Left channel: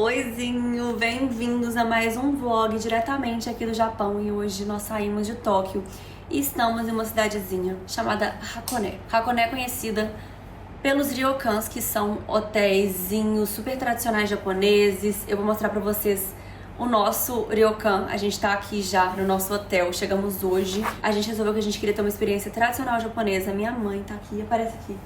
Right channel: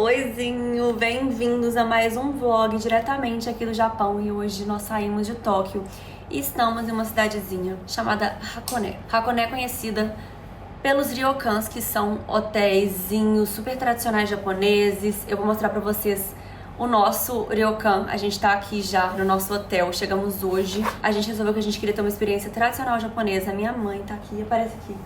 Oizinho, bem-vindos a mais um vlog diretamente aqui do Japão. E hoje nós saímos de Tóquio e estamos em uma cidadezinha chamada Hakone. Hakone é conhecida pelos ryokans, que são hotéisinhos super tradicionais japoneses. Eu vou mostrar pra vocês o nosso ryokan. A gente tá aqui já no nosso hotel, chegamos hoje. A gente resolveu que a gente queria ter uma experiência tradicional japonesa. Minha mãe tá aqui, aparece aqui.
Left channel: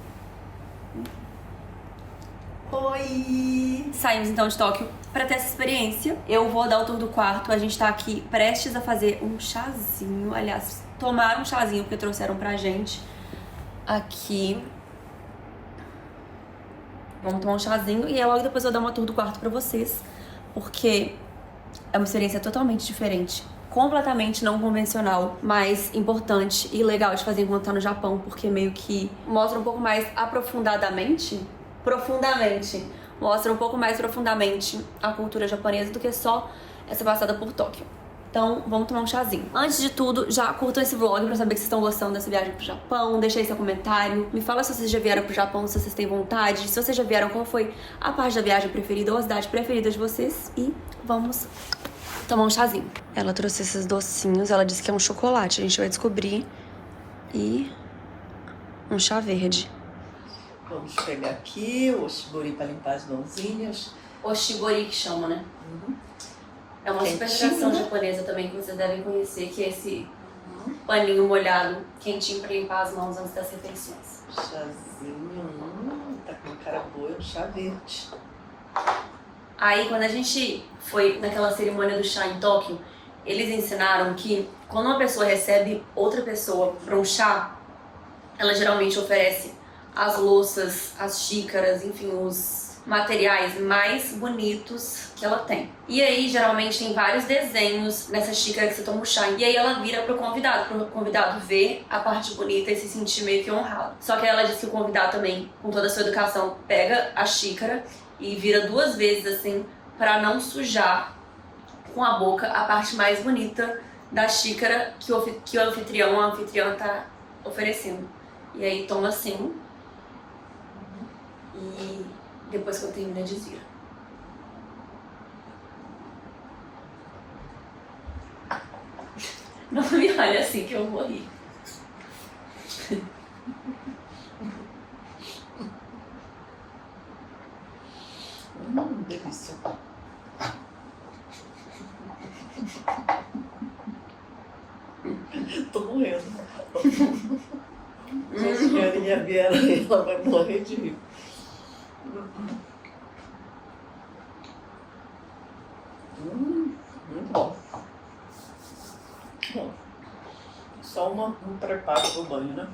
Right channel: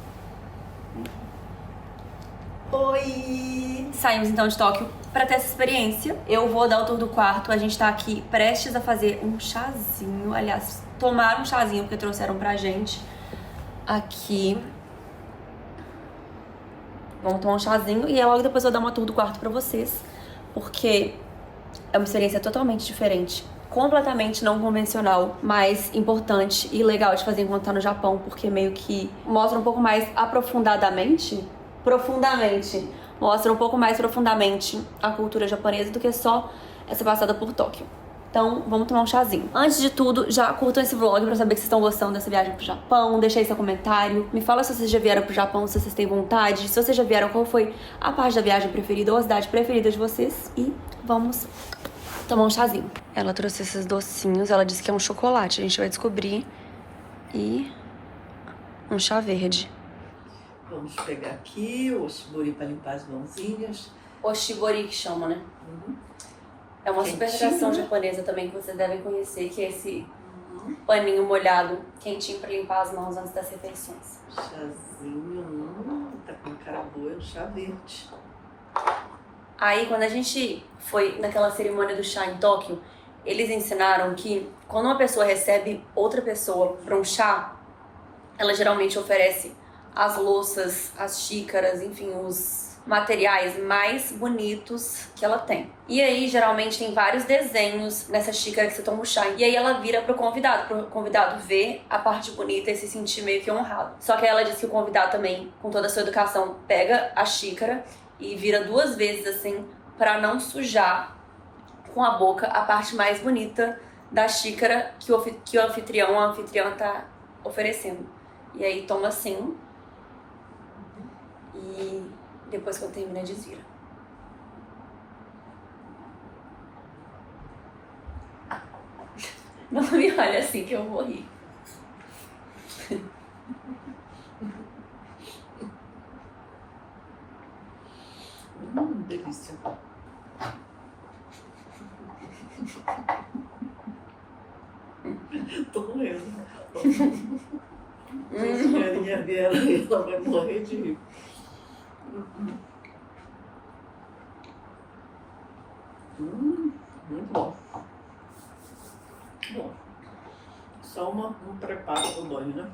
Oi! Saímos então de Tóquio pra ter essa experiência. Eu vou dar o tour do quarto. A gente tá aqui prestes a fazer um chazinho. Aliás, tomar um chazinho porque trouxeram pra gente aqui. Vamos tomar um chazinho e aí logo depois eu vou dar uma tour do quarto pra vocês, porque é uma experiência totalmente diferente, completamente não convencional, mas importante e legal de fazer enquanto tá no Japão, porque meio que mostra um pouco mais mostra um pouco mais profundamente a cultura japonesa do que só essa passada por Tóquio. Então, vamos tomar um chazinho. Antes de tudo, já curtam esse vlog pra saber que vocês estão gostando dessa viagem pro Japão. Deixa aí seu comentário. Me fala se vocês já vieram pro Japão, se vocês têm vontade. Se vocês já vieram, qual foi a parte da viagem preferida ou a cidade preferida de vocês. E vamos tomar um chazinho. Ela trouxe esses docinhos. Ela disse que é um chocolate. A gente vai descobrir. E um chá verde. Vamos pegar aqui o oshibori para limpar as mãozinhas. Oshibori que chama, né? Uhum. É uma super Quentinho, tradição né? japonesa também que vocês devem conhecer, que é esse paninho molhado, quentinho pra limpar as mãos antes das refeições. Chazinho, tá com cara boa, chá verde. Aí, quando a gente foi naquela cerimônia do chá em Tóquio, eles ensinaram que quando uma pessoa recebe outra pessoa para um chá, ela geralmente oferece as louças, as xícaras, enfim, os materiais mais bonitos que ela tem. E aí, geralmente, tem vários desenhos nessa xícara que você toma o chá. E aí ela vira pro convidado ver a parte bonita e se sentir meio que honrado. Só que aí ela diz que o convidado também, com toda a sua educação, pega a xícara e vira 2 vezes assim, pra não sujar com a boca a parte mais bonita da xícara que o anfitrião ou a anfitriã tá oferecendo. E aí toma assim. E depois que eu terminar, desvira. Não me olha assim que eu vou rir. Delícia. Tô morrendo. Se a senhorinha vier aí, ela vai morrer de rir. Muito bom. Bom, só um preparo pro banho, né?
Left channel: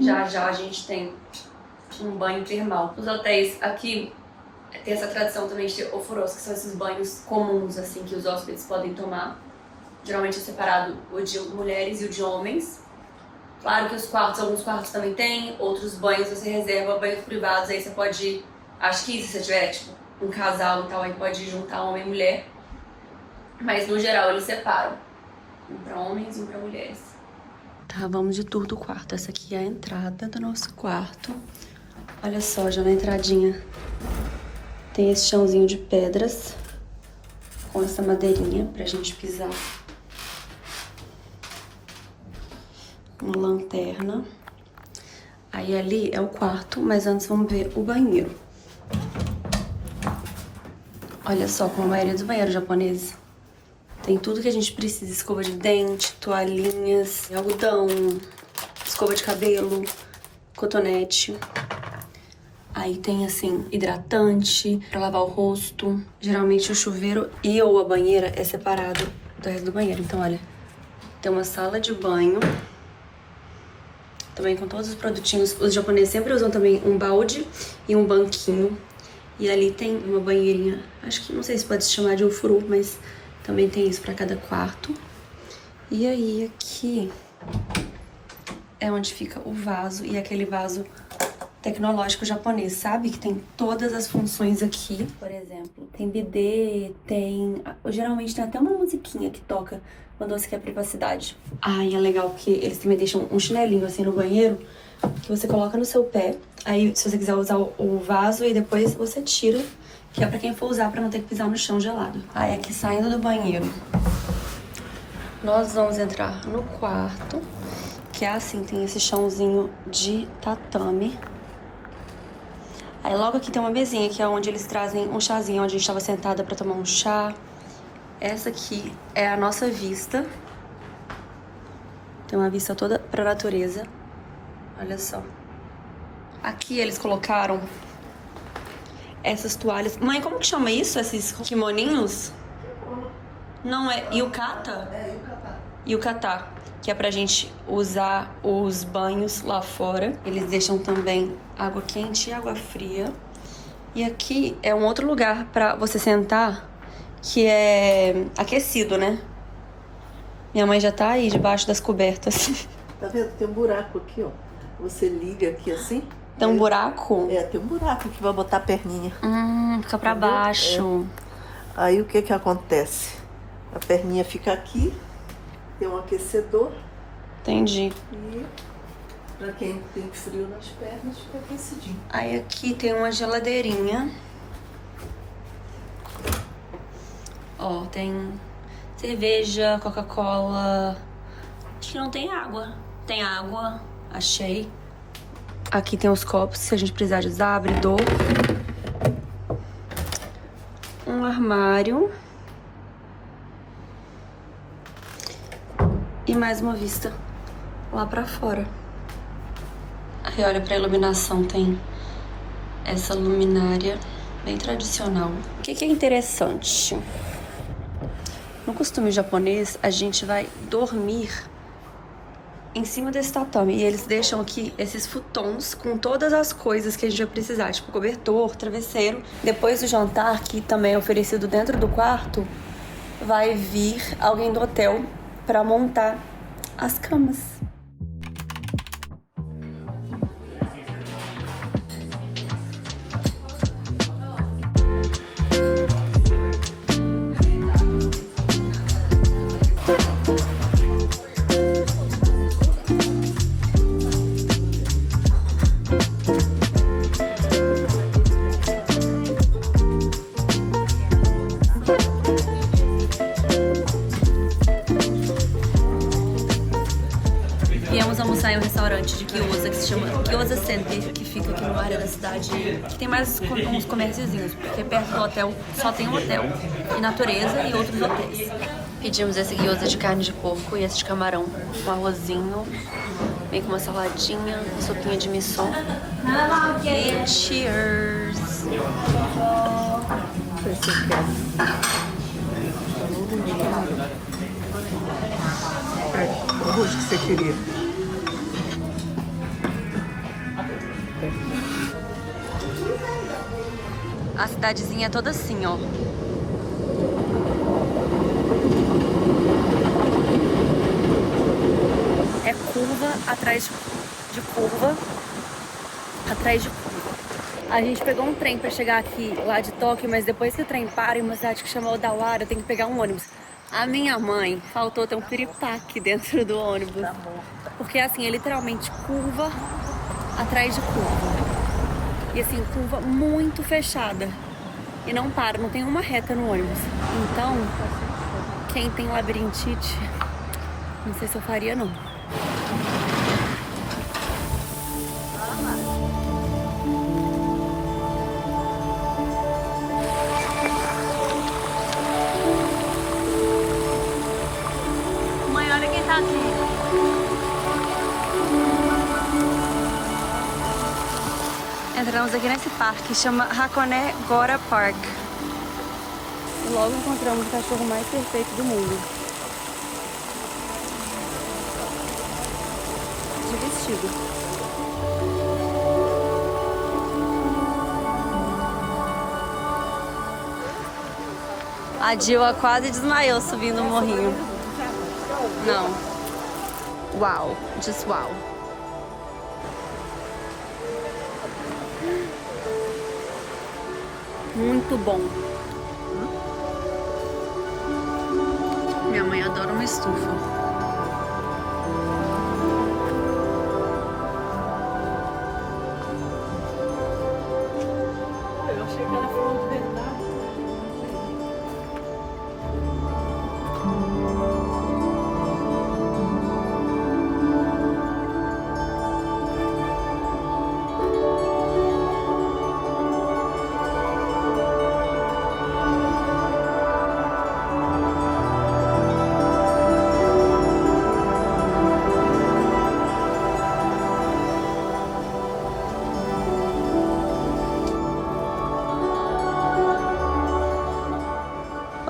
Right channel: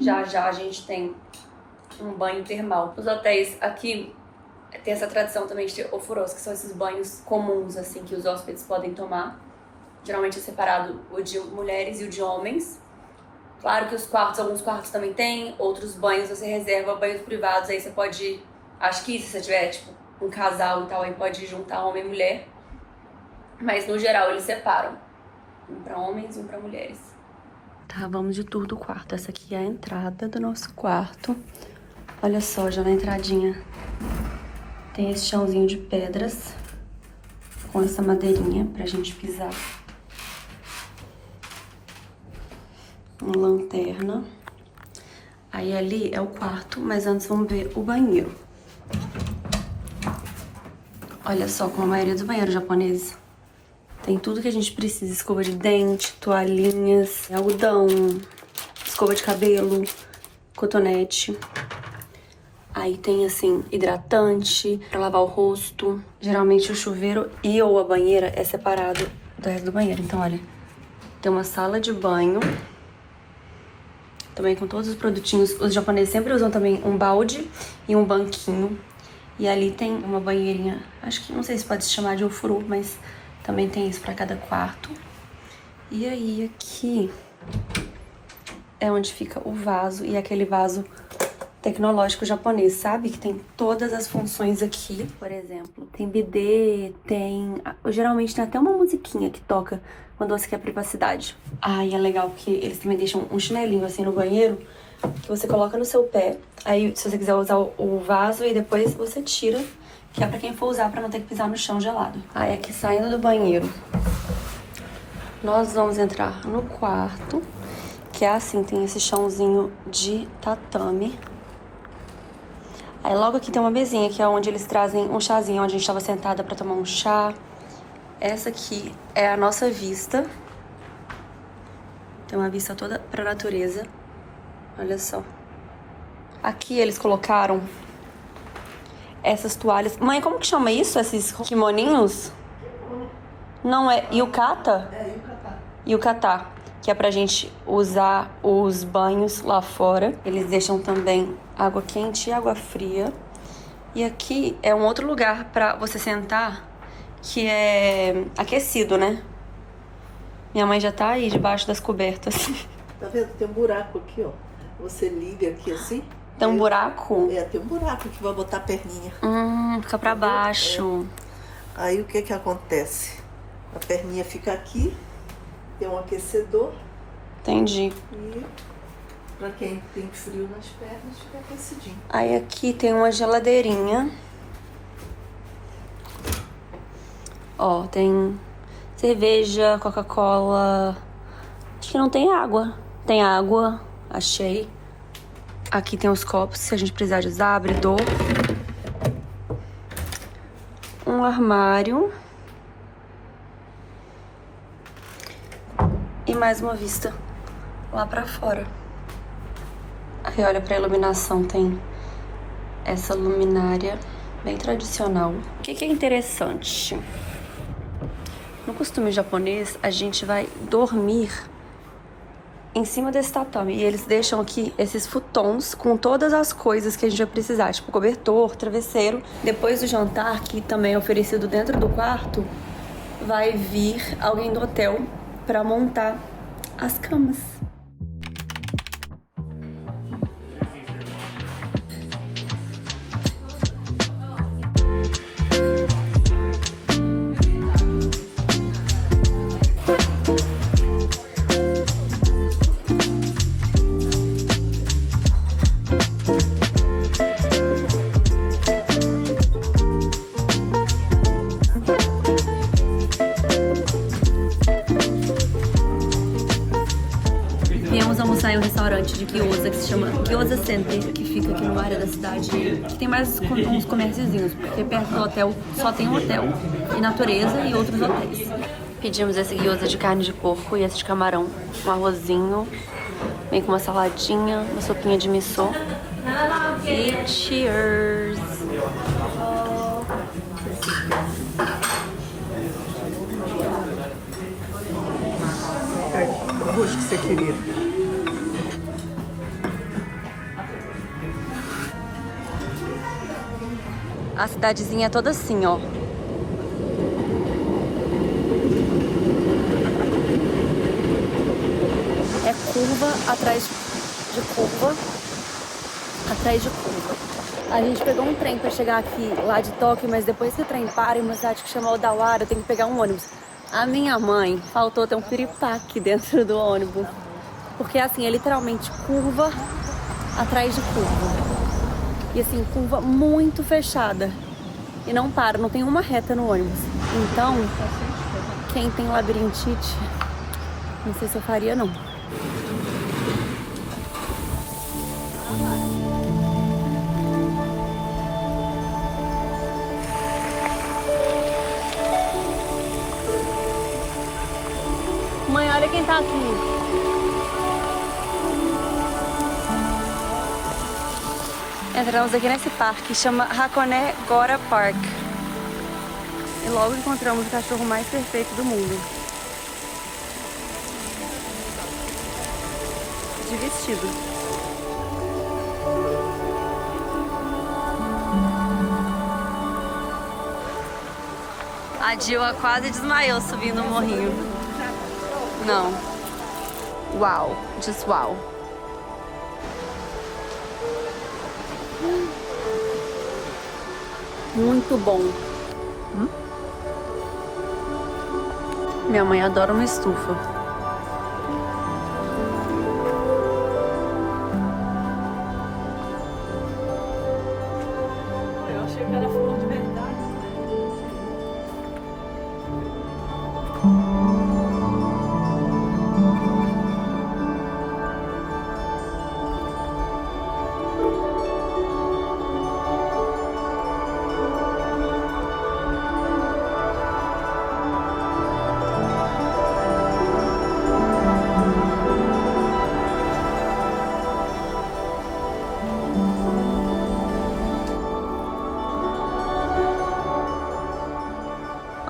Já já a gente tem um banho termal. Os hotéis aqui tem essa tradição também de ter ofuros, que são esses banhos comuns assim que os hóspedes podem tomar. Geralmente é separado o de mulheres e o de homens. Claro que alguns quartos também tem, outros banhos você reserva banhos privados, aí você pode ir, acho que se você tiver tipo um casal e tal, aí pode juntar homem e mulher. Mas no geral eles separam, um pra homens e um pra mulheres. Tá, vamos de tour do quarto. Essa aqui é a entrada do nosso quarto. Olha só, já na entradinha tem esse chãozinho de pedras com essa madeirinha pra gente pisar. Uma lanterna. Aí ali é o quarto, mas antes vamos ver o banheiro. Olha só, como a maioria dos banheiros japoneses tem tudo que a gente precisa: escova de dente, toalhinhas, algodão, escova de cabelo, cotonete. Aí tem assim, hidratante pra lavar o rosto. Geralmente o chuveiro e ou a banheira é separado do resto do banheiro. Então olha, tem uma sala de banho também com todos os produtinhos. Os japoneses sempre usam também um balde e um banquinho. E ali tem uma banheirinha, acho que não sei se pode se chamar de ofuru, mas também tem isso pra cada quarto. E aí aqui é onde fica o vaso, e aquele vaso tecnológico japonês, sabe? Que tem todas as funções aqui. Por exemplo, tem bidê, geralmente tem até uma musiquinha que toca quando você quer privacidade. Ah, e é legal que eles também deixam um chinelinho assim no banheiro, que você coloca no seu pé. Aí, se você quiser usar o vaso, e depois você tira, que é pra quem for usar pra não ter que pisar no chão gelado. Aí aqui saindo do banheiro, nós vamos entrar no quarto, que é assim, tem esse chãozinho de tatame. Aí logo aqui tem uma mesinha, que é onde eles trazem um chazinho, onde a gente tava sentada pra tomar um chá. Essa aqui é a nossa vista. Tem uma vista toda pra natureza. Olha só. Aqui eles colocaram essas toalhas. Mãe, como que chama isso? Esses kimoninhos? Não é yukata? É, yukata. Yukata, que é pra gente usar os banhos lá fora. Eles deixam também água quente e água fria. E aqui é um outro lugar pra você sentar, que é aquecido, né? Minha mãe já tá aí debaixo das cobertas. Tá vendo? Tem um buraco aqui, ó. Você liga aqui assim. Tem um buraco? É, tem um buraco que vai botar a perninha. Fica pra baixo. É. Aí o que que acontece? A perninha fica aqui, tem um aquecedor. Entendi. E pra quem tem frio nas pernas, fica aquecidinho. Aí aqui tem uma geladeirinha. Ó, tem cerveja, Coca-Cola. Acho que não tem água. Tem água, achei. Aqui tem os copos, se a gente precisar de usar, abridor. Um armário. E mais uma vista lá pra fora. Aí olha pra iluminação, tem essa luminária bem tradicional. O que é interessante? No costume japonês, a gente vai dormir em cima desse tatame. E eles deixam aqui esses futons com todas as coisas que a gente vai precisar. Tipo cobertor, travesseiro. Depois do jantar, que também é oferecido dentro do quarto, vai vir alguém do hotel pra montar as camas. Viemos almoçar em um restaurante de gyoza que se chama Gyoza Center, que fica aqui numa área da cidade que tem mais uns comérciozinhos, porque perto do hotel só tem um hotel e natureza e outros hotéis. Pedimos esse gyoza de carne de porco e esse de camarão, um arrozinho, vem com uma saladinha, uma sopinha de miso. E cheers! O arroz que você queria. A cidadezinha é toda assim, ó. É curva atrás de curva, atrás de curva. A gente pegou um trem pra chegar aqui, lá de Tóquio, mas depois que o trem para em uma cidade que chama Odawara, eu tenho que pegar um ônibus. A minha mãe faltou ter um piripaque dentro do ônibus. Porque assim, é literalmente curva atrás de curva. E assim, curva muito fechada. E não para, não tem uma reta no ônibus. Então, quem tem labirintite, não sei se eu faria não. Mãe, olha quem tá aqui. Entramos aqui nesse parque, chama Hakone Gora Park. E logo encontramos o cachorro mais perfeito do mundo. De vestido. A Dilma quase desmaiou subindo o morrinho. Não. Uau, just uau. Muito bom. Minha mãe adora uma estufa. Eu achei que era flor de verdade.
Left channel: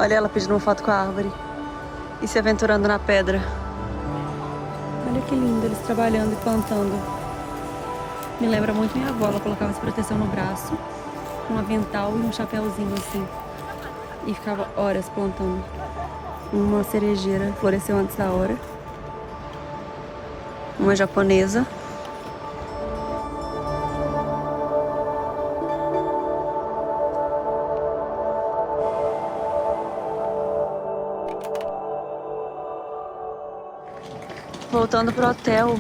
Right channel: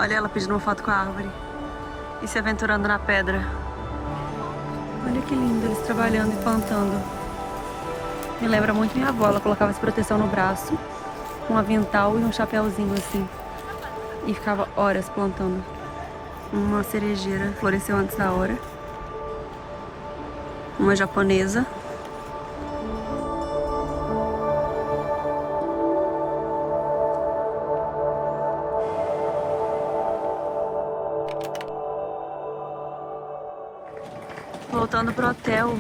Olha ela pedindo uma foto com a árvore e se aventurando na pedra. Olha que lindo eles trabalhando e plantando. Me lembra muito minha avó, ela colocava essa proteção no braço, um avental e um chapéuzinho assim. E ficava horas plantando. Uma cerejeira floresceu antes da hora. Uma japonesa. Voltando pro hotel,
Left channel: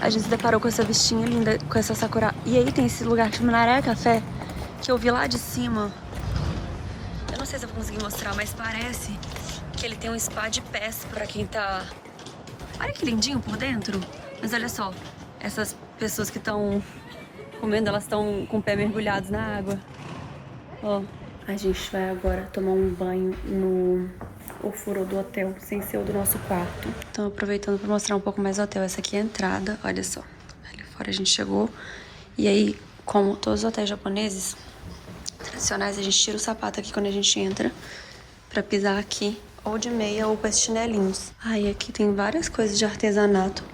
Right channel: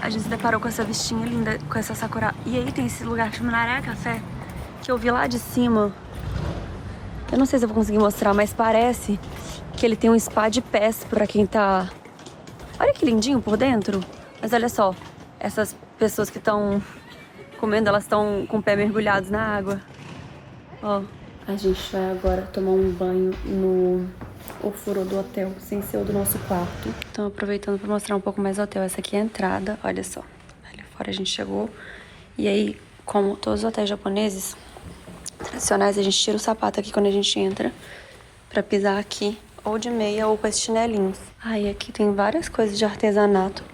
a gente se deparou com essa vistinha linda, com essa sakura. E aí tem esse lugar que chama Naraia Café, que eu vi lá de cima. Eu não sei se eu vou conseguir mostrar, mas parece que ele tem um spa de pés pra quem tá... Olha que lindinho por dentro. Mas olha só, essas pessoas que estão comendo, elas estão com o pé mergulhados na água. Ó, a gente vai agora tomar um banho no ofurô do hotel, sem ser o do nosso quarto. Então, aproveitando para mostrar um pouco mais o hotel. Essa aqui é a entrada, olha só. Ali fora a gente chegou. E aí, como todos os hotéis japoneses tradicionais, a gente tira o sapato aqui quando a gente entra pra pisar aqui, ou de meia ou com esses chinelinhos. Aí aqui tem várias coisas de artesanato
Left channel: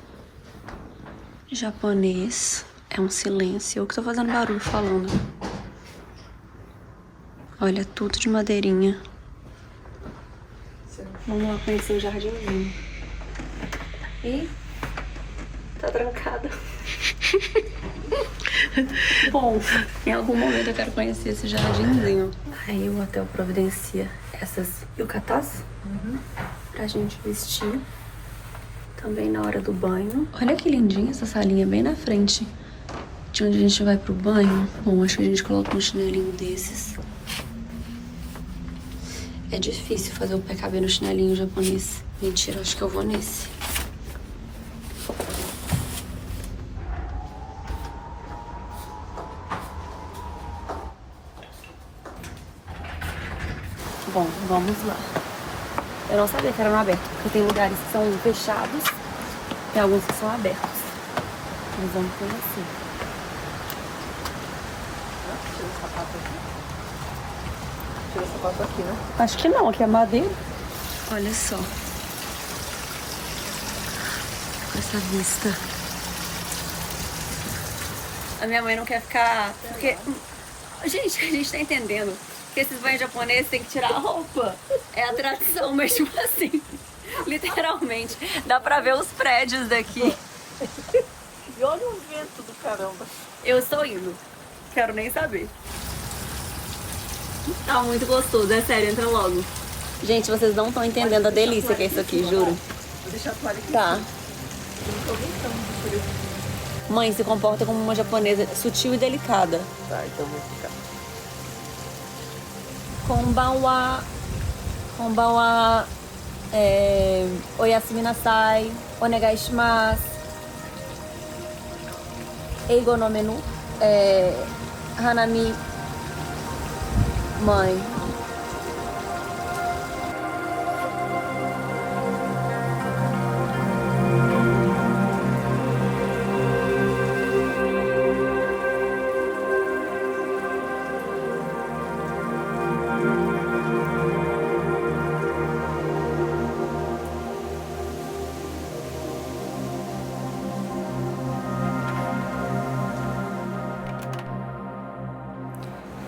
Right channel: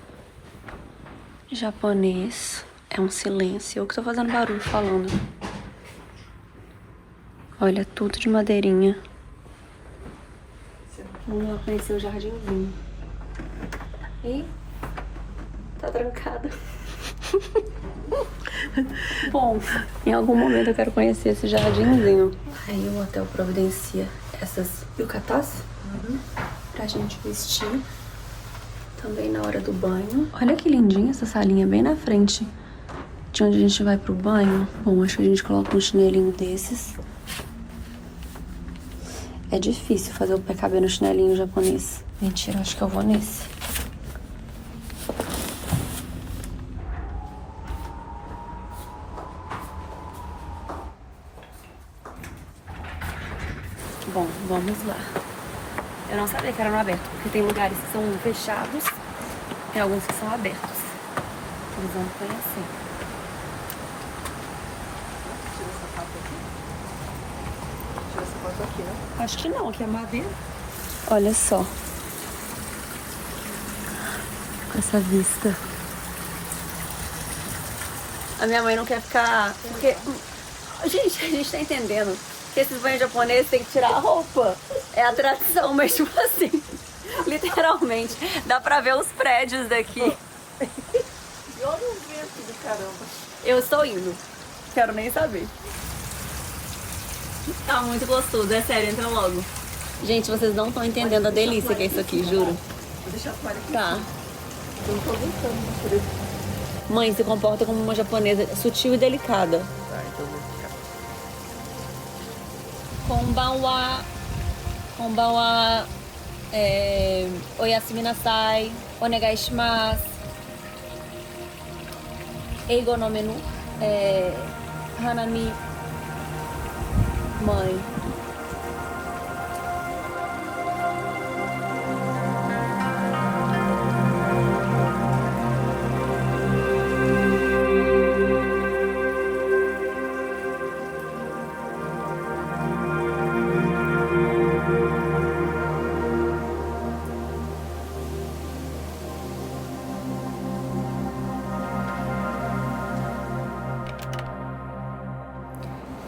japonês. É um silêncio. Eu que tô fazendo barulho falando. Olha, tudo de madeirinha. Vamos lá conhecer o jardinzinho. Ih, tá trancado. Bom, em algum momento eu quero conhecer esse jardinzinho. Aí o hotel providencia essas yukatas pra gente vestir. Também na hora do banho. Olha que lindinha essa salinha bem na frente de onde a gente vai pro banho. Bom, acho que a gente coloca um chinelinho desses. É difícil fazer o pé caber no chinelinho japonês. Mentira, acho que eu vou nesse. Bom, vamos lá. Eu não sabia que era no aberto, porque tem lugares que são fechados, tem alguns que são abertos. Eles vão conhecer. Acho que não, aqui é madeira. Olha só. Com essa vista. A minha mãe não quer ficar... Porque... Gente, a gente tá entendendo que esses banhos japoneses tem que tirar a roupa. É a tradição, mas tipo assim... Literalmente. Dá pra ver os prédios daqui. E olha o vento do caramba. Eu estou indo. Quero nem saber. Tá muito gostoso, é sério, entra logo. Gente, vocês não estão entendendo a delícia que é isso aqui, juro. Vou deixar a toalha aqui. Tá. Eu não tô aguentando por isso. Mãe, se comporta como uma japonesa sutil e delicada. Tá, então eu vou ficar. Konbanwa. Konbanwa. Oyasumi nasai. Onegai shimasu. Eigo no menu. Hanami. Mãe.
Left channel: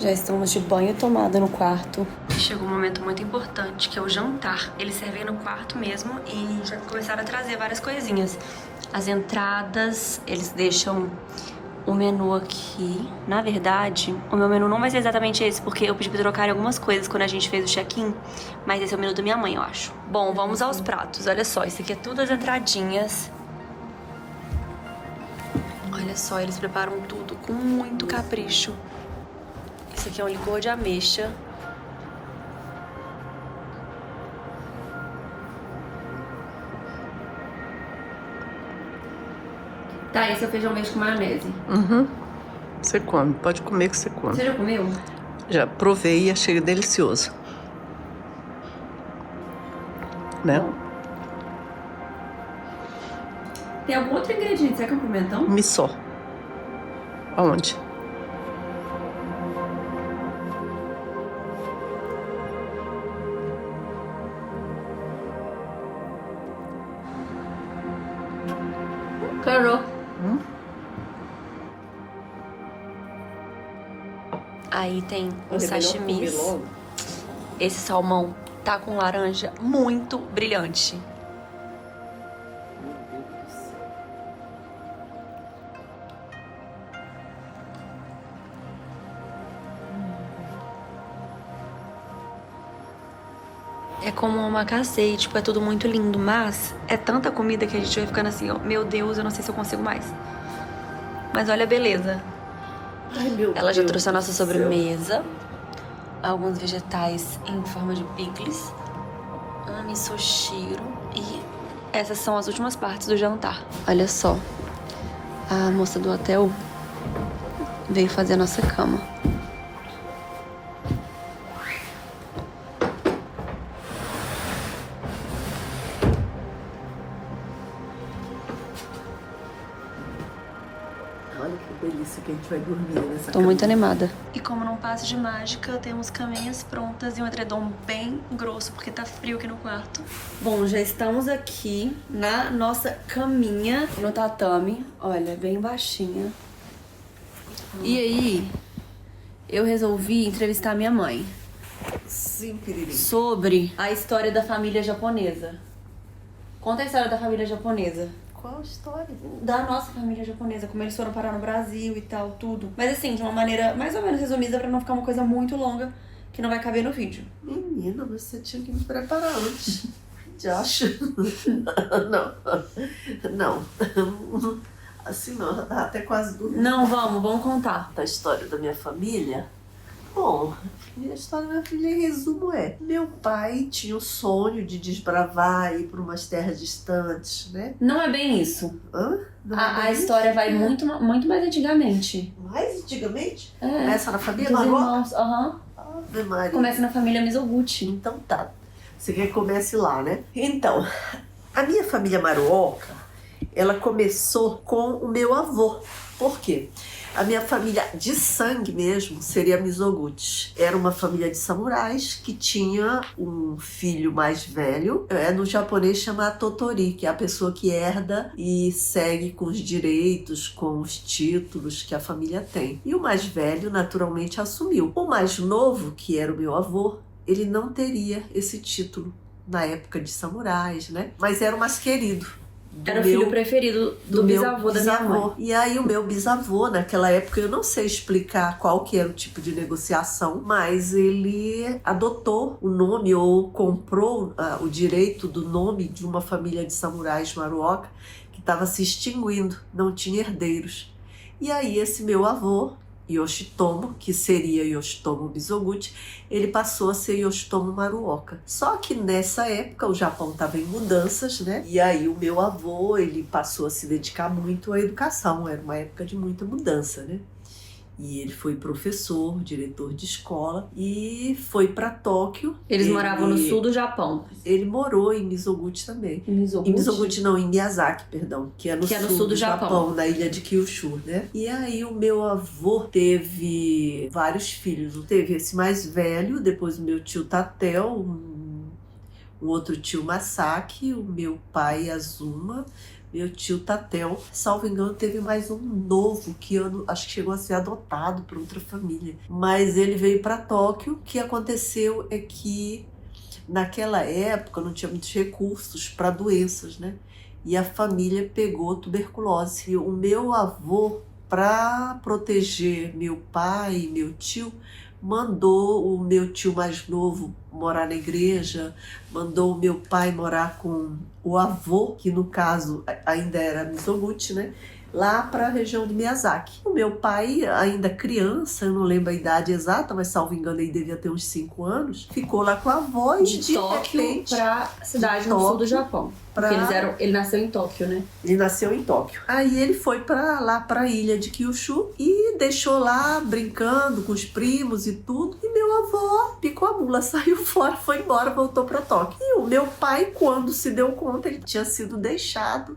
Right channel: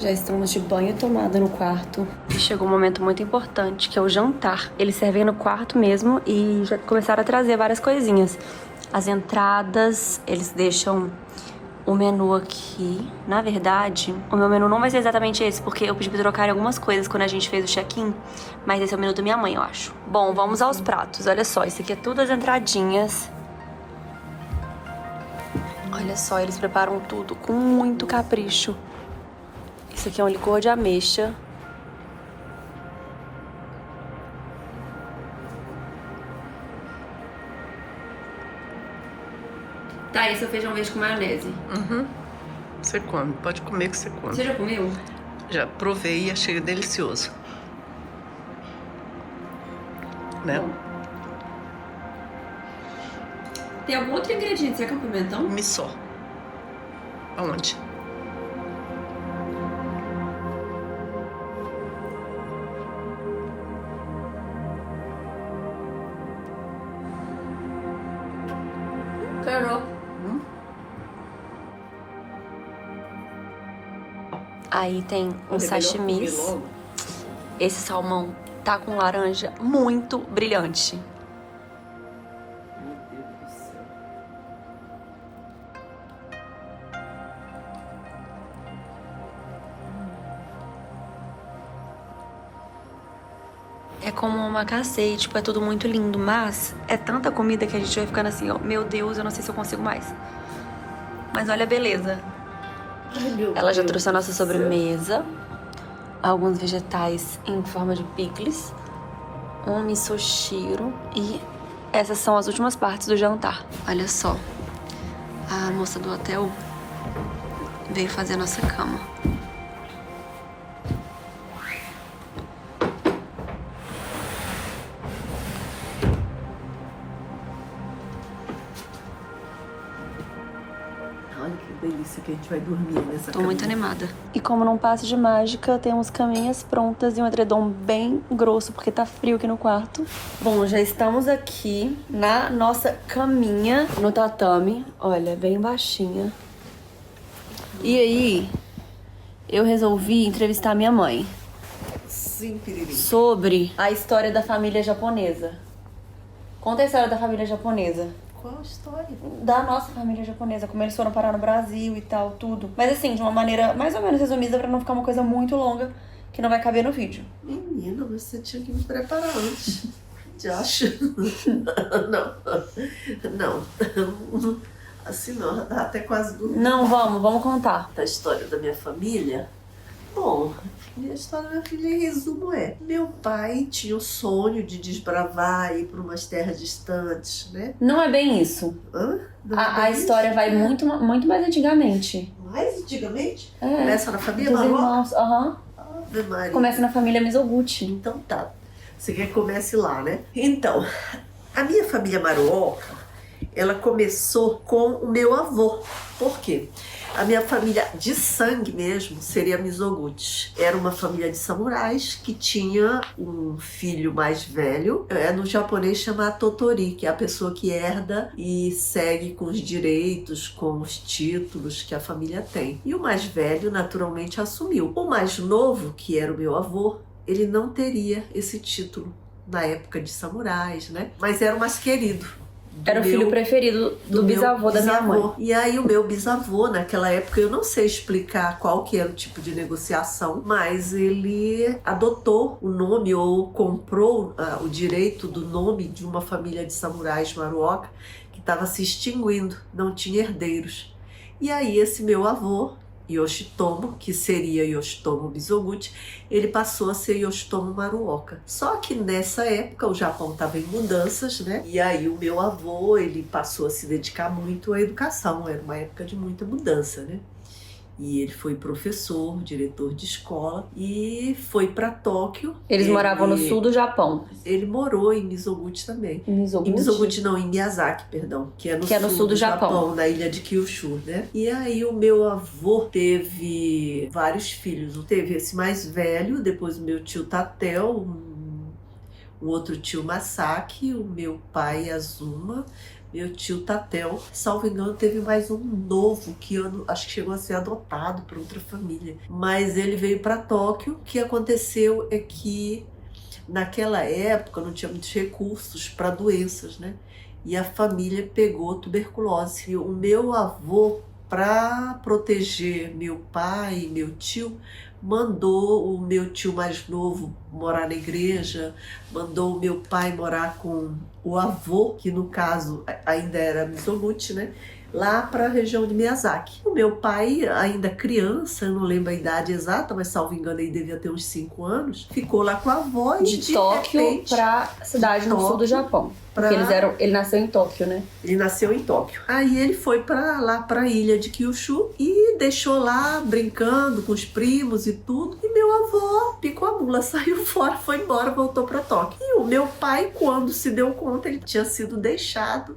Já estamos de banho e tomada no quarto. Chegou um momento muito importante, que é o jantar. Eles servem no quarto mesmo e já começaram a trazer várias coisinhas. As entradas, eles deixam o menu aqui. Na verdade, o meu menu não vai ser exatamente esse, porque eu pedi pra trocarem algumas coisas quando a gente fez o check-in. Mas esse é o menu da minha mãe, eu acho. Bom, vamos aos pratos. Olha só, isso aqui é tudo as entradinhas. Olha só, eles preparam tudo com muito capricho. Isso aqui é um licor de ameixa. Tá, esse é o feijão verde com maionese. Uhum. Você come, pode comer que você come. Você já comeu? Já provei e achei delicioso. Né? Bom. Tem algum outro ingrediente? Será que é um pimentão? Missô. Aonde? Quero. Aí tem uns sashimis. Esse salmão tá com laranja muito brilhante. Meu Deus do céu. É como um omakase, tipo, é tudo muito lindo, mas é tanta comida que a gente vai ficando assim, ó, meu Deus, eu não sei se eu consigo mais. Mas olha a beleza. Ai, meu Ela já Deus trouxe a nossa do céu. sobremesa, alguns vegetais em forma de picles, um misoshiro e essas são as últimas partes do jantar. Olha só, a moça do hotel veio fazer a nossa cama. Olha que delícia que a gente vai dormir nessa Tô muito cama. animada. E como num passe de mágica, temos caminhas prontas e um edredom bem grosso, porque tá frio aqui no quarto. Bom, já estamos aqui na nossa caminha no tatame. Olha, bem baixinha. E aí, eu resolvi entrevistar minha mãe Sim, Piriri. sobre a história da família japonesa. Conta a história da família japonesa. Qual a história? Da nossa família japonesa, como eles foram parar no Brasil e tal, tudo. Mas assim, de uma maneira mais ou menos resumida pra não ficar uma coisa muito longa que não vai caber no vídeo. Menina, mas você tinha que me preparar antes. De acho. Não. Não. Assim não, já tava até quase dormindo. Não, vamos contar. Da história da minha família. Bom, a história da minha família, em resumo, é: meu pai tinha o sonho de desbravar e ir para umas terras distantes, né? Não é bem isso. Hã? Não é A bem história isso? vai muito mais antigamente. Mais antigamente? É. Começa na família Dos Maroca? irmãos, aham. Ave Maria. Começa na família Mizoguchi. Então tá. Você quer que comece lá, né? Então, a minha família Maruoka, ela começou com o meu avô. Por quê? A minha família de sangue mesmo seria Mizoguchi. Era uma família de samurais que tinha um filho mais velho. No japonês chama Totori, que é a pessoa que herda e segue com os direitos, com os títulos que a família tem. E o mais velho, naturalmente, assumiu. O mais novo, que era o meu avô, ele não teria esse título na época de samurais, né? Mas era o mais querido. Era o filho preferido do bisavô da minha mãe. E aí o meu bisavô, naquela época, eu não sei explicar qual que era o tipo de negociação, mas ele adotou o nome ou comprou o direito do nome de uma família de samurais Maruoka que estava se extinguindo, não tinha herdeiros. E aí esse meu avô, Yoshitomo, que seria Yoshitomo Mizoguchi, ele passou a ser Yoshitomo Maruoka. Só que nessa época o Japão estava em mudanças, né? E aí o meu avô, ele passou a se dedicar muito à educação, era uma época de muita mudança, né? E ele foi professor, diretor de escola e foi para Tóquio. Eles moravam no sul do Japão. Ele morou em Mizoguchi também. Em Mizoguchi? Em Mizoguchi não, em Miyazaki, perdão. Que é no sul do Japão, na ilha de Kyushu, né? E aí o meu avô teve vários filhos. Teve esse mais velho, depois o meu tio Tatel, um outro tio Masaki, o meu pai Azuma, meu tio Tatel. Salvo engano, teve mais um novo que eu acho que chegou a ser adotado por outra família. Mas ele veio para Tóquio. O que aconteceu é que naquela época não tinha muitos recursos para doenças, né? E a família pegou tuberculose. E o meu avô, para proteger meu pai e meu tio, mandou o meu tio mais novo morar na igreja, mandou o meu pai morar com o avô, que no caso ainda era Mizoguchi, né? Lá para a região de Miyazaki. O meu pai, ainda criança, eu não lembro a idade exata, mas salvo engano ele devia ter uns 5 anos, ficou lá com a avó e de Tóquio para cidade no sul do Japão. Porque ele nasceu em Tóquio, né? Ele nasceu em Tóquio. Aí ele foi para lá, para a ilha de Kyushu e deixou lá brincando com os primos e tudo. E meu avô picou a mula, saiu fora, foi embora, voltou para Tóquio. E o meu pai, quando se deu conta, ele tinha sido deixado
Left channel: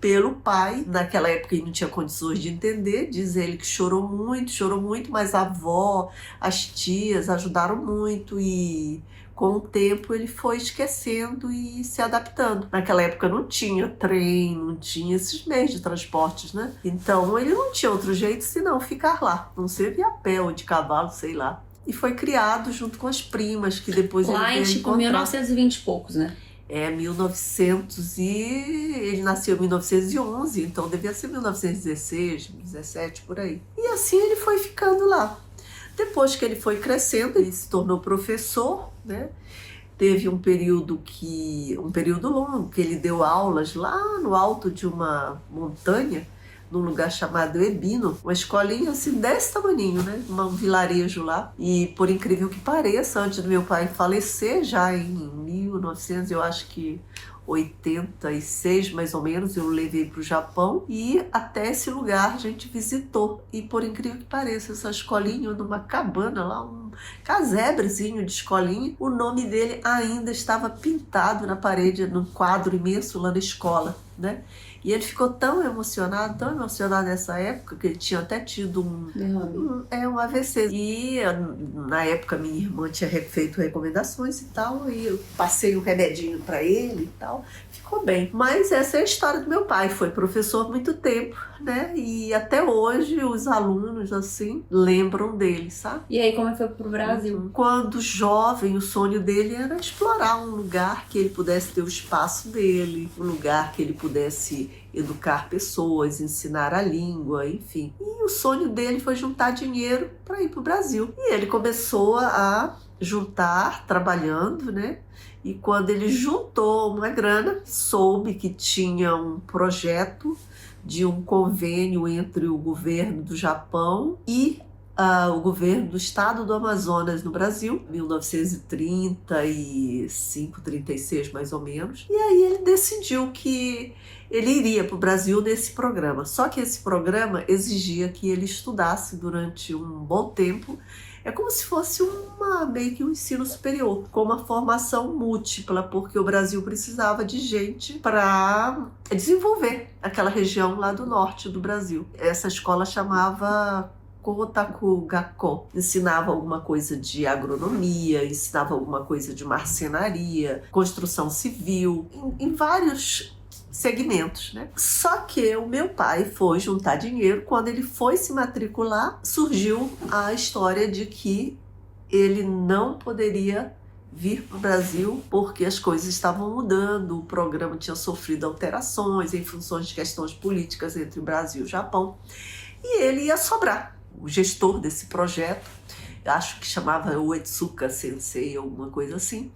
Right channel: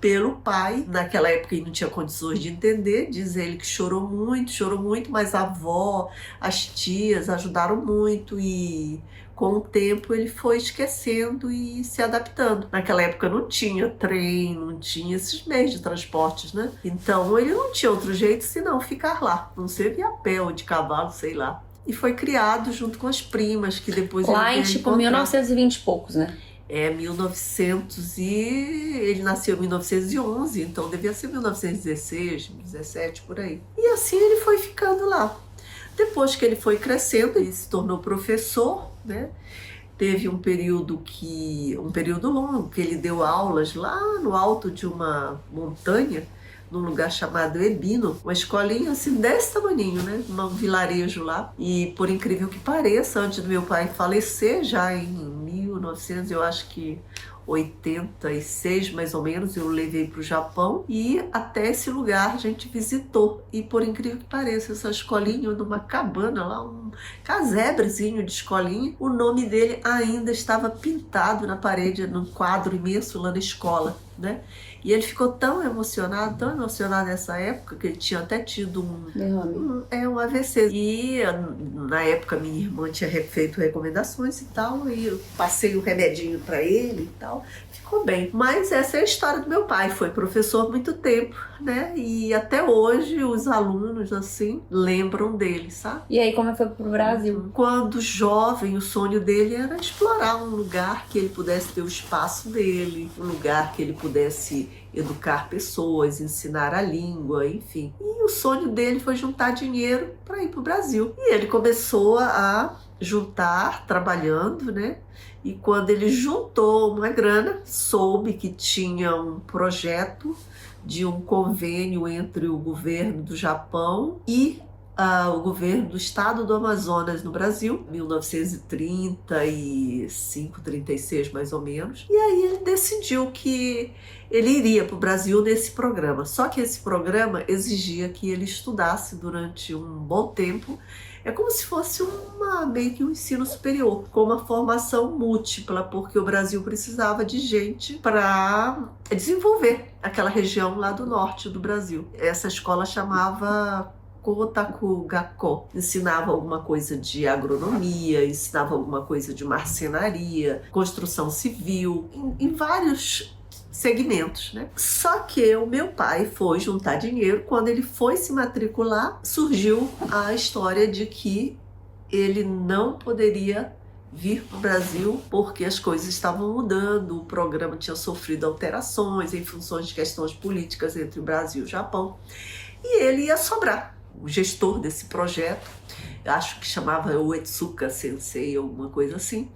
pelo pai. Naquela época ele não tinha condições de entender, diz ele que chorou muito, mas a avó, as tias ajudaram muito e Com o tempo ele foi esquecendo e se adaptando. Naquela época não tinha trem, não tinha esses meios de transportes, né? Então ele não tinha outro jeito senão ficar lá. Não sei de a pé ou de cavalo, sei lá. E foi criado junto com as primas, que depois lá ele veio tipo encontrar. 1920 e poucos, né? 1900 e... Ele nasceu em 1911, então devia ser 1916, 17, por aí. E assim ele foi ficando lá. Depois que ele foi crescendo, ele se tornou professor, né? Teve um período longo, que ele deu aulas lá no alto de uma montanha, num lugar chamado Ebino, uma escolinha assim desse tamaninho, né? Um vilarejo lá. E por incrível que pareça, antes do meu pai falecer, já em 1900, eu acho que 86 mais ou menos, eu levei para o Japão e até esse lugar a gente visitou. E por incrível que pareça, essa escolinha, numa cabana lá, um casebrezinho de escolinha, o nome dele ainda estava pintado na parede, num quadro imenso lá na escola, né? E ele ficou tão emocionado nessa época, que ele tinha até tido um AVC. E na época minha irmã tinha feito recomendações e tal, e eu passei o remedinho para ele e tal. Ficou bem. Mas essa é a história do meu pai. Foi professor há muito tempo, né? E até hoje os alunos, assim, lembram dele, sabe? E aí, como foi pro Brasil? Quando jovem, o sonho dele era explorar um lugar que ele pudesse ter o espaço dele, um lugar que ele pudesse educar pessoas, ensinar a língua, enfim. E o sonho dele foi juntar dinheiro para ir pro Brasil. E ele começou a juntar, trabalhando, né? E quando ele juntou uma grana, soube que tinha um projeto de um convênio entre o governo do Japão e o governo do estado do Amazonas no Brasil, 1935, 36 mais ou menos. E aí ele decidiu que ele iria para o Brasil nesse programa. Só que esse programa exigia que ele estudasse durante um bom tempo. É como se fosse meio que um ensino superior, com uma formação múltipla, porque o Brasil precisava de gente para desenvolver aquela região lá do norte do Brasil. Essa escola chamava Kotaku-gakko. Ensinava alguma coisa de agronomia, ensinava alguma coisa de marcenaria, construção civil, em vários segmentos, né? Só que o meu pai foi juntar dinheiro. Quando ele foi se matricular, surgiu a história de que ele não poderia vir para o Brasil porque as coisas estavam mudando, o programa tinha sofrido alterações em função de questões políticas entre o Brasil e o Japão, e ele ia sobrar. O gestor desse projeto, acho que chamava Uetsuka Sensei, alguma coisa assim,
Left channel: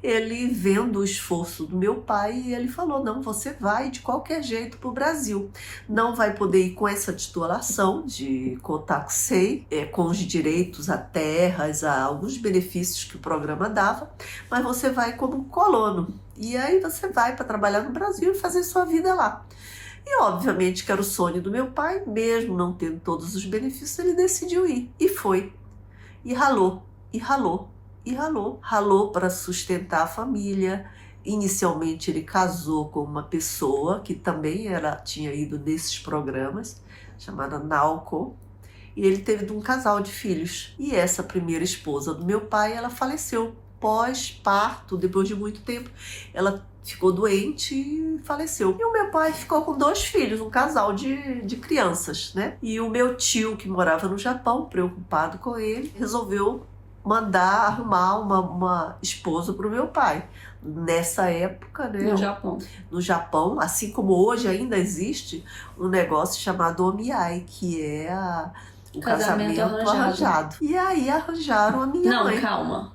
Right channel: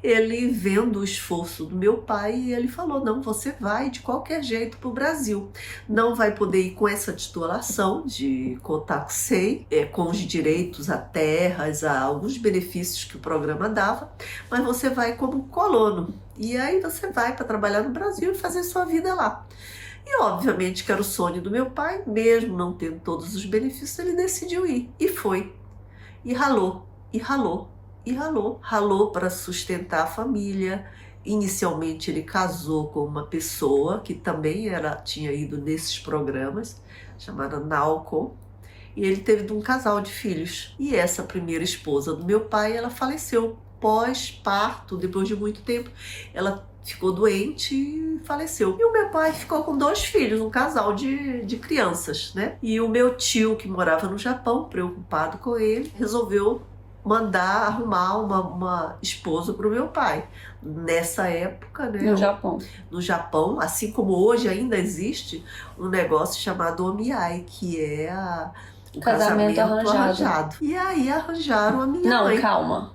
ele vendo o esforço do meu pai, ele falou: não, você vai de qualquer jeito para o Brasil. Não vai poder ir com essa titulação de Kotakusei, com os direitos a terras, a alguns benefícios que o programa dava, mas você vai como colono. E aí você vai para trabalhar no Brasil e fazer sua vida lá. E obviamente que era o sonho do meu pai, mesmo não tendo todos os benefícios, ele decidiu ir. E foi. E ralou, e ralou. E ralou para sustentar a família. Inicialmente ele casou com uma pessoa que também tinha ido nesses programas, chamada Naoko, e ele teve um casal de filhos. E essa primeira esposa do meu pai, ela faleceu pós-parto, depois de muito tempo. Ela ficou doente e faleceu. E o meu pai ficou com 2 filhos, um casal de crianças, né? E o meu tio, que morava no Japão, preocupado com ele, resolveu mandar arrumar uma esposa para o meu pai. Nessa época, né? No Japão, assim como hoje ainda existe um negócio chamado omiai, que é o casamento arranjado. E aí arranjaram a minha mãe. Não, calma.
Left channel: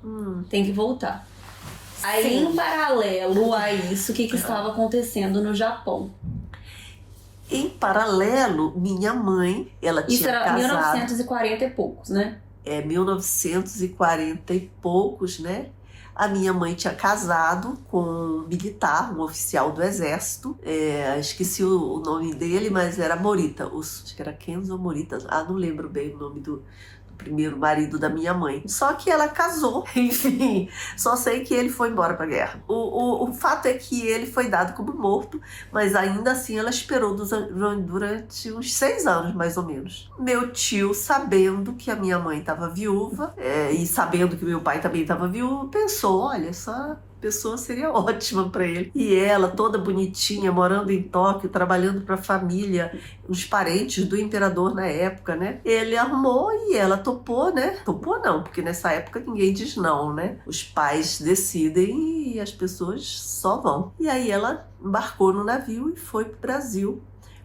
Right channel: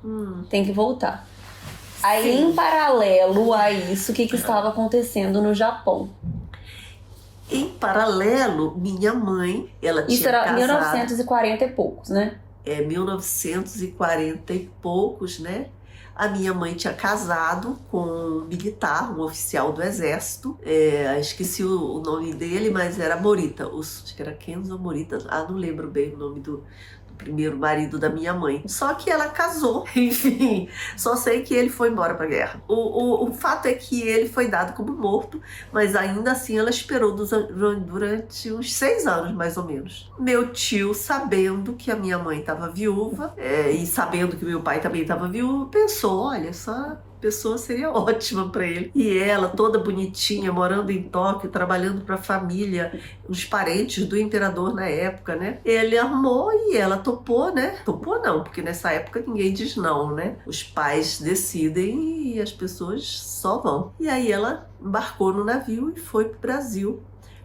Tem que voltar. Aí, sim, em paralelo a isso, o que estava acontecendo no Japão? Em paralelo, minha mãe, ela tinha casado... Isso era 1940 e poucos, né? 1940 e poucos, né? A minha mãe tinha casado com um militar, um oficial do exército. Esqueci o nome dele, mas era Morita. Acho que era Kenzo Morita. Não lembro bem o nome do primeiro marido da minha mãe. Só que ela casou, enfim, só sei que ele foi embora pra guerra. O fato é que ele foi dado como morto, mas ainda assim ela esperou durante uns 6 anos, mais ou menos. Meu tio, sabendo que a minha mãe estava viúva, e sabendo que meu pai também estava viúvo, pensou, olha, essa pessoa seria ótima para ele. E ela, toda bonitinha, morando em Tóquio, trabalhando para a família, os parentes do imperador na época, né? Ele arrumou e ela topou, né? Topou não, porque nessa época ninguém diz não, né? Os pais decidem e as pessoas só vão. E aí ela embarcou no navio e foi pro Brasil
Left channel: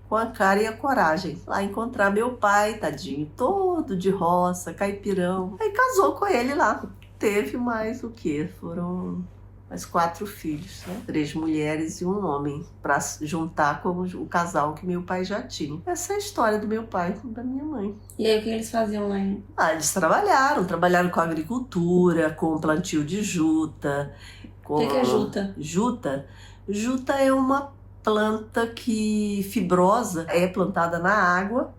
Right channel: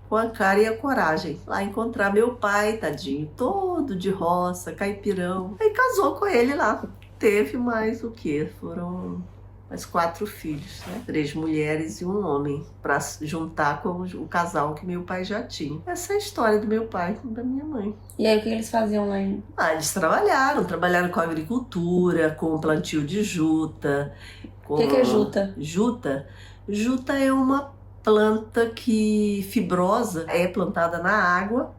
com a cara e a coragem. Lá encontrar meu pai, tadinho, todo de roça, caipirão. Aí casou com ele lá. Teve mais o quê? Foram mais 4 filhos, né? 3 mulheres e um homem, para juntar com o casal que meu pai já tinha. Essa é a história do meu pai e da minha mãe. E aí, o que eles faziam lá? Eles trabalharam com agricultura, com plantio de juta. O que é juta? Juta é uma planta fibrosa, é plantada na água,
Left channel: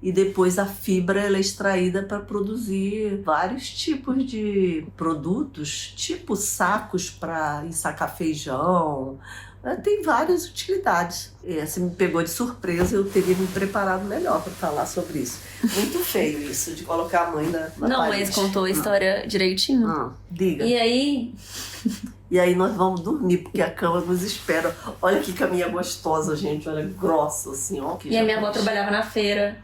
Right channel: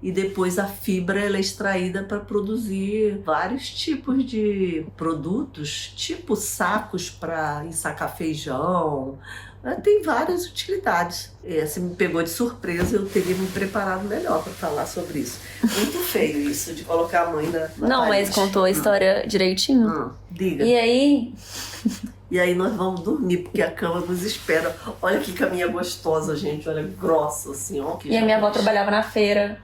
e depois a fibra ela é extraída para produzir vários tipos de produtos, tipo sacos para ensacar feijão. Tem várias utilidades. Você me pegou de surpresa, eu teria me preparado melhor para falar sobre isso. Muito feio isso, de colocar a mãe na Não, parede. Mas contou a história direitinho. Diga. E aí... E aí nós vamos dormir, porque a cama nos espera. Olha que caminha gostosa, gente. Olha, grossa, assim, ó. E a minha avó trabalhava na feira.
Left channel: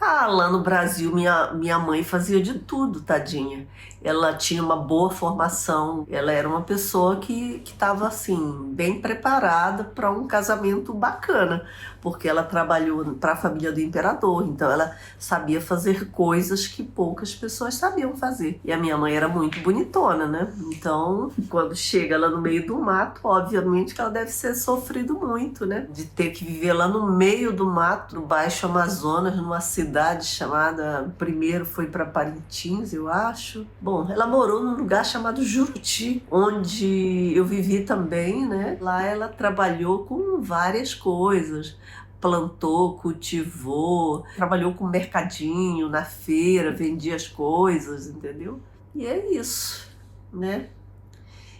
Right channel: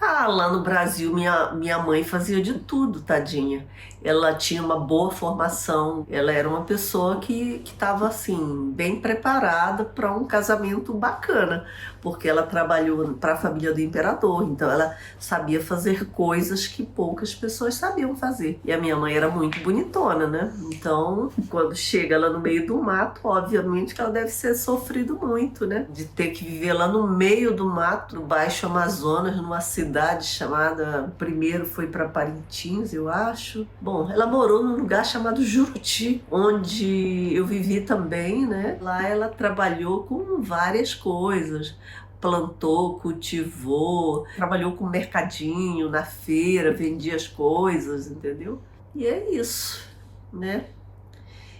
Lá no Brasil, minha mãe fazia de tudo, tadinha. Ela tinha uma boa formação. Ela era uma pessoa que estava, assim, bem preparada para um casamento bacana. Porque ela trabalhou para a família do imperador. Então, ela sabia fazer coisas que poucas pessoas sabiam fazer. E a minha mãe era muito bonitona, né? Então, quando chega lá no meio do mato, obviamente que ela deve ter sofrido muito, né? De ter que viver lá no meio do mato, no Baixo Amazonas, numa cidade chamada... Primeiro foi para Parintins, eu acho. Bom, ela morou num lugar chamado Juruti, onde eu vivi também, né? Lá ela trabalhou com várias coisas. Plantou, cultivou, trabalhou com mercadinho, na feira, vendia as coisas, entendeu? E é isso, né?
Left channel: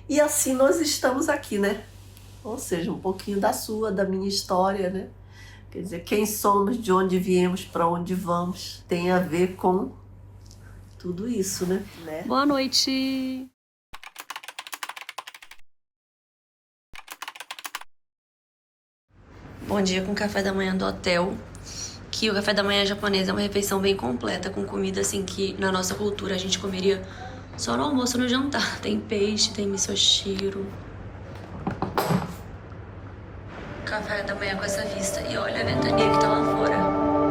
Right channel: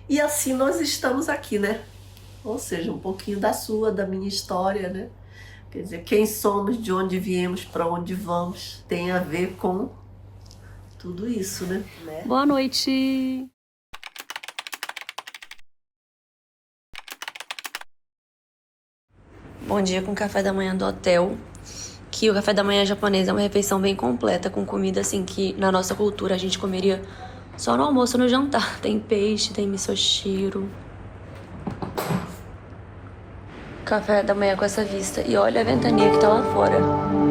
E assim nós estamos aqui, né? Ou seja, um pouquinho da minha história, né? Quer dizer, quem somos, de onde viemos, para onde vamos, tem a ver com tudo isso, né? Boa noite! Bom dia com o café da manhã do hotel, que o café da manhã japonês é uma refeição bem completa, com comida assim que na nossa cultura a gente comeria só no almoço e no jantar. Tem peixe, tem misoshiro. Café da manhã com essa vista. E olha a ventania que tá lá fora.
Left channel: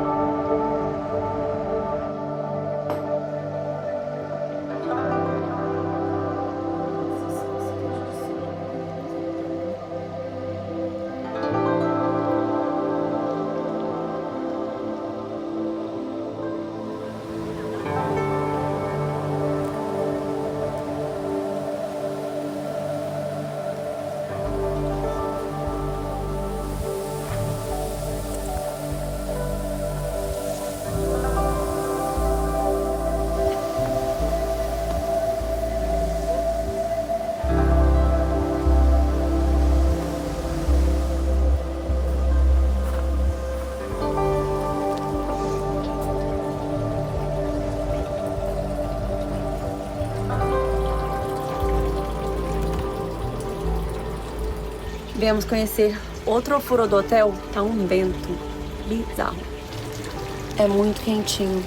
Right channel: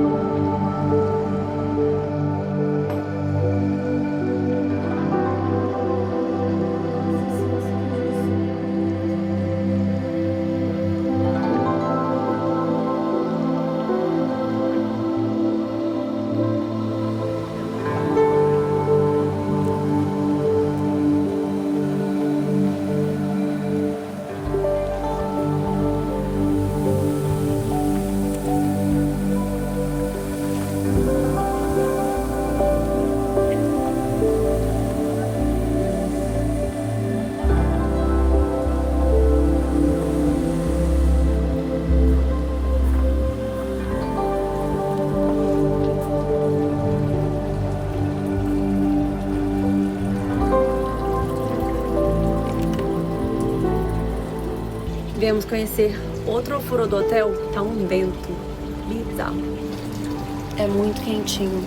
Viemos conhecer outro ofurô do hotel, tá um vento bizarro. É muito quentinho.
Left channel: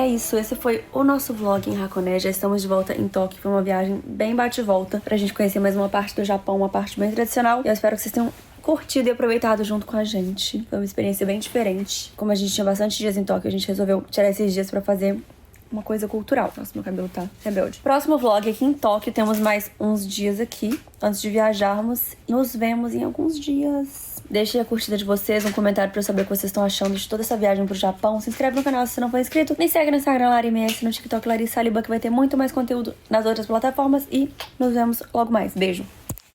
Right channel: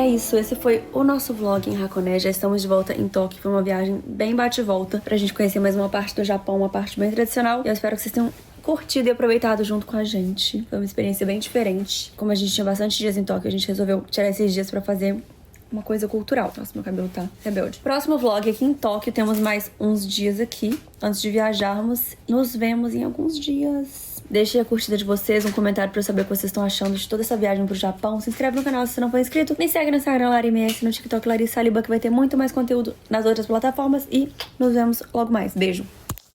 é isso, esse foi o nosso vlog em Hakone. Já estamos de volta em Tóquio. Foi uma viagem bem bate-volta pra gente conhecer mais uma parte do Japão, uma parte bem tradicional. E eu espero que vocês tenham curtido e aproveitado junto com a gente. Foi uma experiência bem diferente. Como a gente tinha bastante dias em Tóquio, a gente resolveu tirar esses dias pra fazer uma coisa cultural. Nossa, meu cabelo tá rebelde. Próximo vlog aqui em Tóquio. Temos mais uns dias aqui antes de viajarmos. Nos vemos em alguns dias. Deixe a curtida de vocês, um comentário pra eu saber o que vocês estão achando de toda essa viagem pro Japão. Se inscreve no canal se você não for inscrito. Me segue no Instagram LariMS, no TikTok Larissa Saliba, que vai ter muito mais conteúdo nas outras plataformas. E nos vemos logo mais. Beijo!